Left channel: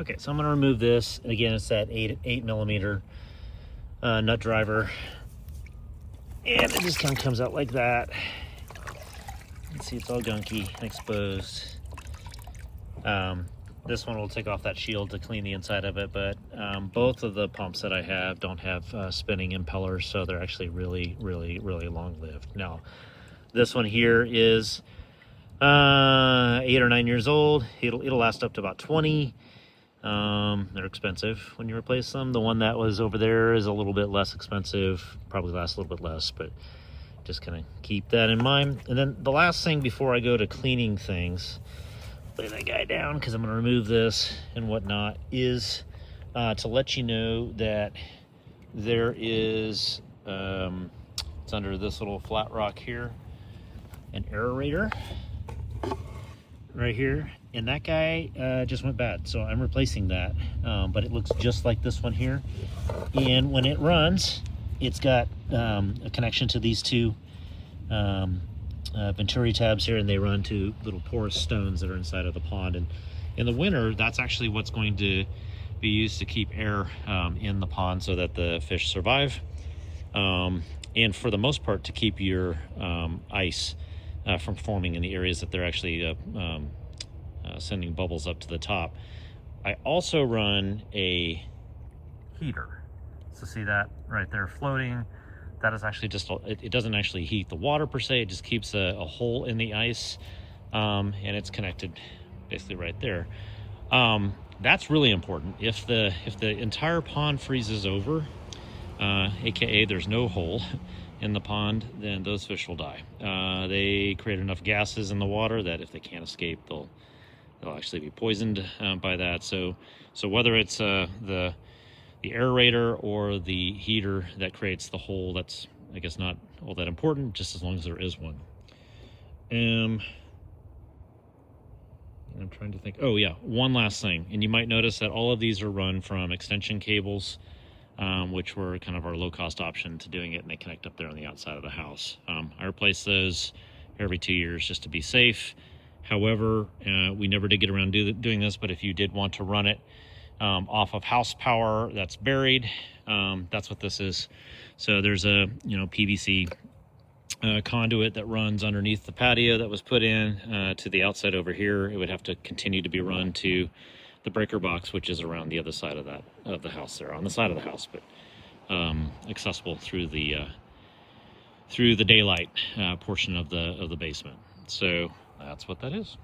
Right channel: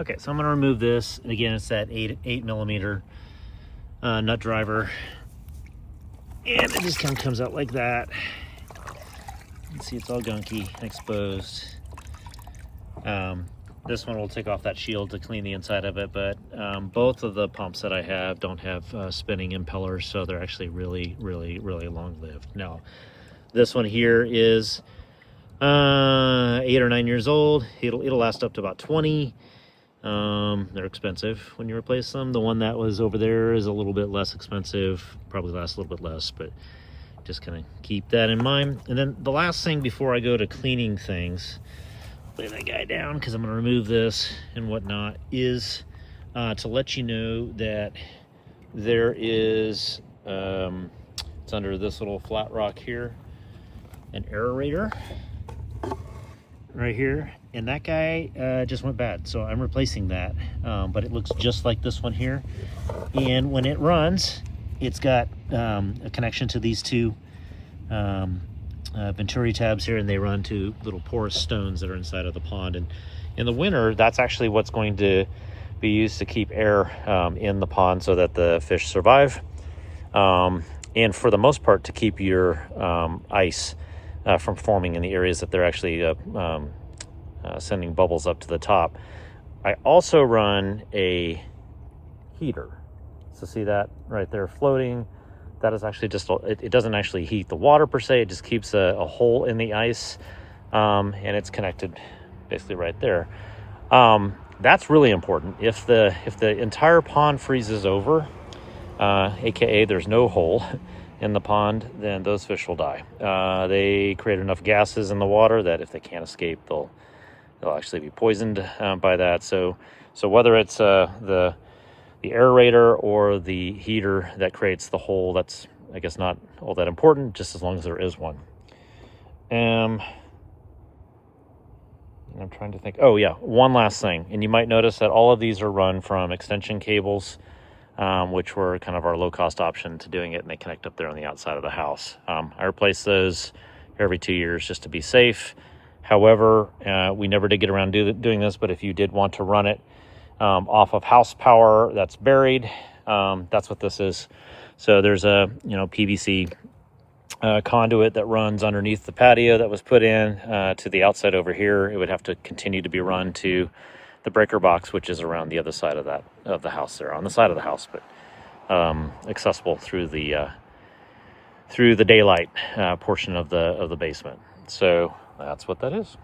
Okay, so I'm going to remove this. Again, it's that 8mm nut driver. And it just kind of comes out like that. You can see it's all gunky and exposed. This one will take off that shield to clean the inside of it, but both of the pumps that I have don't have spinning impellers, so they're actually really long-lived. Now, this one here is 8 or 9 years old. It'll last up to about 20. They're expensive when you replace them. The one that was over there is a little bit less expensive, probably lasts a little bit less, but just kind of keep that in mind. And then the last thing before I go to cleaning things, lay that guy down because I'm going to remove this and whatnot, is to let you know that there is, it's under this little flat rock here, an aerator right here, and that guy just went bad, so I'm replacing that. But it looks just like this one here, and when it runs, it's got a connection to these two venturi tabs here, and they run to little porous stones that are inside of the pond. And in the winter, that's actually what's going to be used to keep air in the pond so that the fish survive, and for the most part to keep your ice from forming in the areas that they're actually sending bubbles up to the top. I also run a heater. So see that right there floating? That is actually just, it doesn't actually heat the water per se, it just keeps a hole in the ice, and it's connected basically right there. That's really important. If the entire pond freezes over, aka there's no hole in the pond, then those fish will die. They create enough gases in the water that if they can't escape, they'll actually be poisoned by that. So whether it's the aerator or the heater that creates the hole, that's, I guess, not all that important, just as long as there is one. I'm trying to think. Oh yeah, one last thing. And you might notice that all of these are run from extension cables, which were kind of our low-cost option to doing it, and they connect up there on the outside of the house. I replace those every 2 years just to be safe. However, we never did get around doing this, but if you did want to run it off of house power that's buried, that's what this is. So there's a PVC conduit that runs underneath the patio that was put in to the outside over here. It would have to continue to be run to the breaker box, which is around the other side of the house there, on the side of the house, but accessible through the daylight portion of the basement. So that's what that is.